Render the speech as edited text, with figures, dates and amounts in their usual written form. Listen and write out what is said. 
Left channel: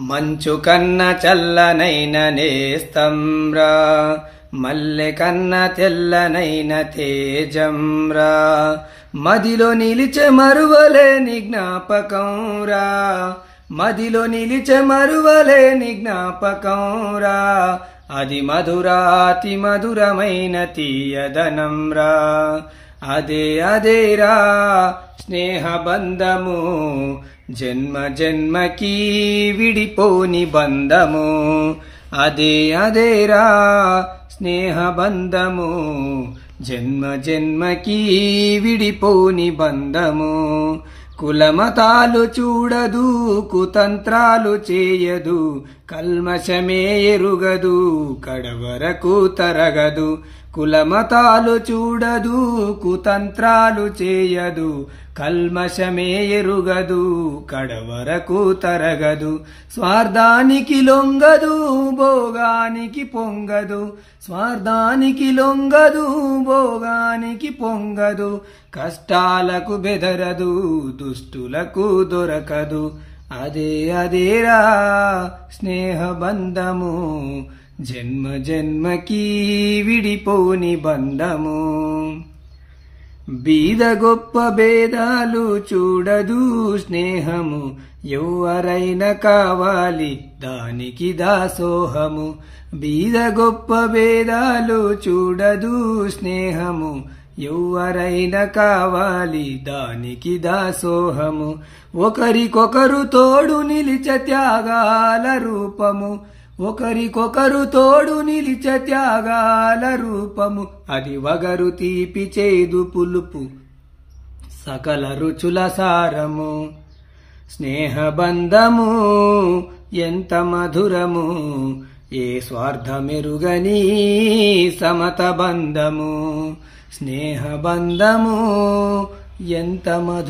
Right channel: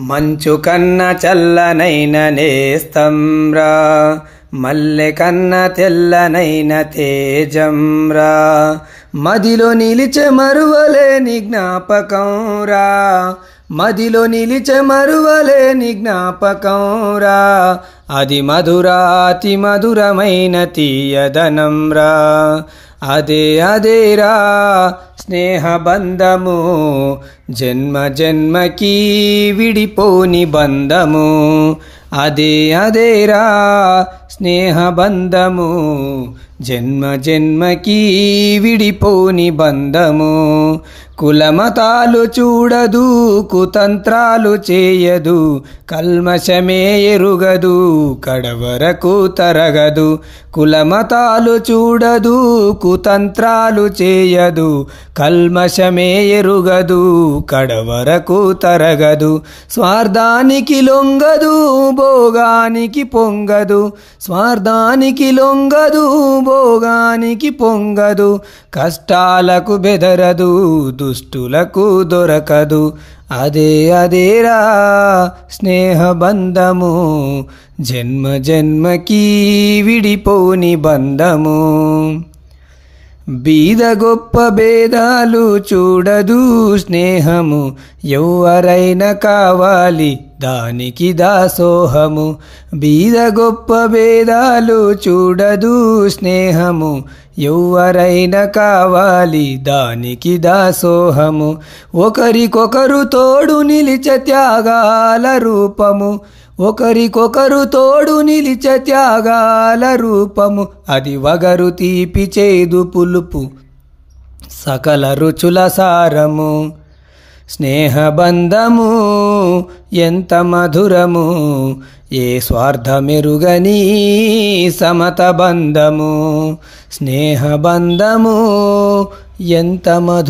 మంచు కన్న చల్లనైన నేస్తంరా, మల్లె కన్న తెల్లనైన తేజంరా, మదిలో నిలిచే మరువలేని జ్ఞాపకంరా, మదిలో నిలిచే మరువలేని జ్ఞాపకంరా, అది మధురాతి మధురమైన తీయదనంరా, అదే అదేరా స్నేహబంధము, జన్మ జన్మకి విడిపోని బంధము, అదే అదేరా స్నేహబంధము, జన్మ జన్మకి విడిపోని బంధము. కులమతాలు చూడదు, కుతంత్రాలు చేయదు, కల్మషమే ఎరుగదు, కడవరకు తరగదు. కులమతాలు చూడదు, కుతంత్రాలు చేయదు, కల్మషమే ఎరుగదు, కడవరకు తరగదు. స్వార్థానికి లొంగదు, భోగానికి పొంగదు, స్వార్థానికి లొంగదు, భోగానికి పొంగదు, కష్టాలకు బెదరదు, దుష్టులకు దొరకదు. అదే అదేరా స్నేహబంధము, జన్మ జన్మకి విడిపోని బంధము. బీద గొప్ప భేదాలు చూడదు స్నేహము, ఎవరైనా కావాలి దానికి దాసోహము. బీద గొప్ప భేదాలు చూడదు స్నేహము, ఎవరైనా కావాలి దానికి దాసోహము. ఒకరికొకరు తోడు నిలిచే త్యాగాల రూపము, ఒకరికొకరు తోడు నిలిచే త్యాగాల రూపము, అది వగరు తీపి చేదు పులుపు సకల రుచుల సారము. స్నేహబంధము ఎంత మధురము, ఏ స్వార్థమెరుగని సమత బంధము. స్నేహబంధము ఎంత మధురము.